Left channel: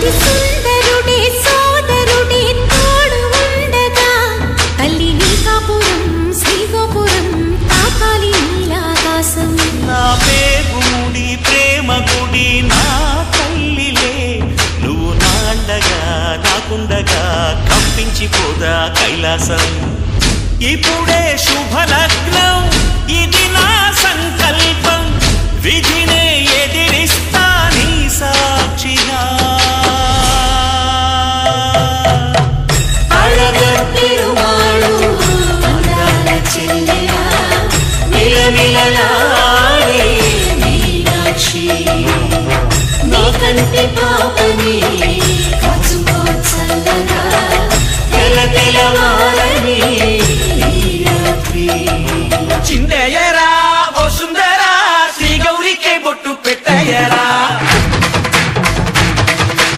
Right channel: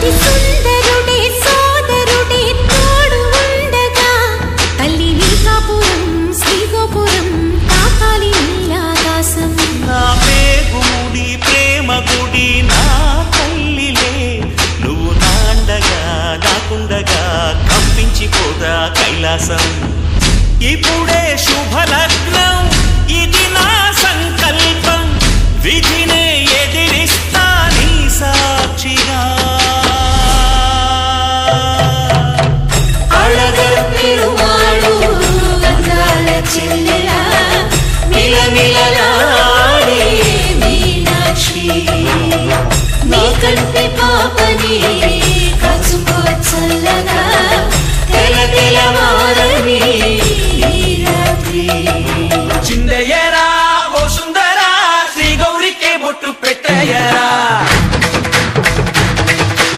అతి సుందరుడే సోదరుడే తోడు ఉండగా తల్లి నీ కాపురం శ్రీగోపురం తాకాలి నీలాకాశం. నా పేగుముడి ప్రేమ గుడి నా తల్లిలే నువ్వు నాండగా నాకుండగా కంపించిపోదా కైలాసం. ఇప్పుడే శుభలగ్నం ఇది నా సంకల్పం విధినే ఎదిరిస్తా నీ సాక్షిగా. అళగర్ పెరుమాళు అందాల చెల్లెలా నిలనిలలాడే మీనాక్షి నీ కంటి పాపని కాచుకో చల్లగా తెల తెలవారని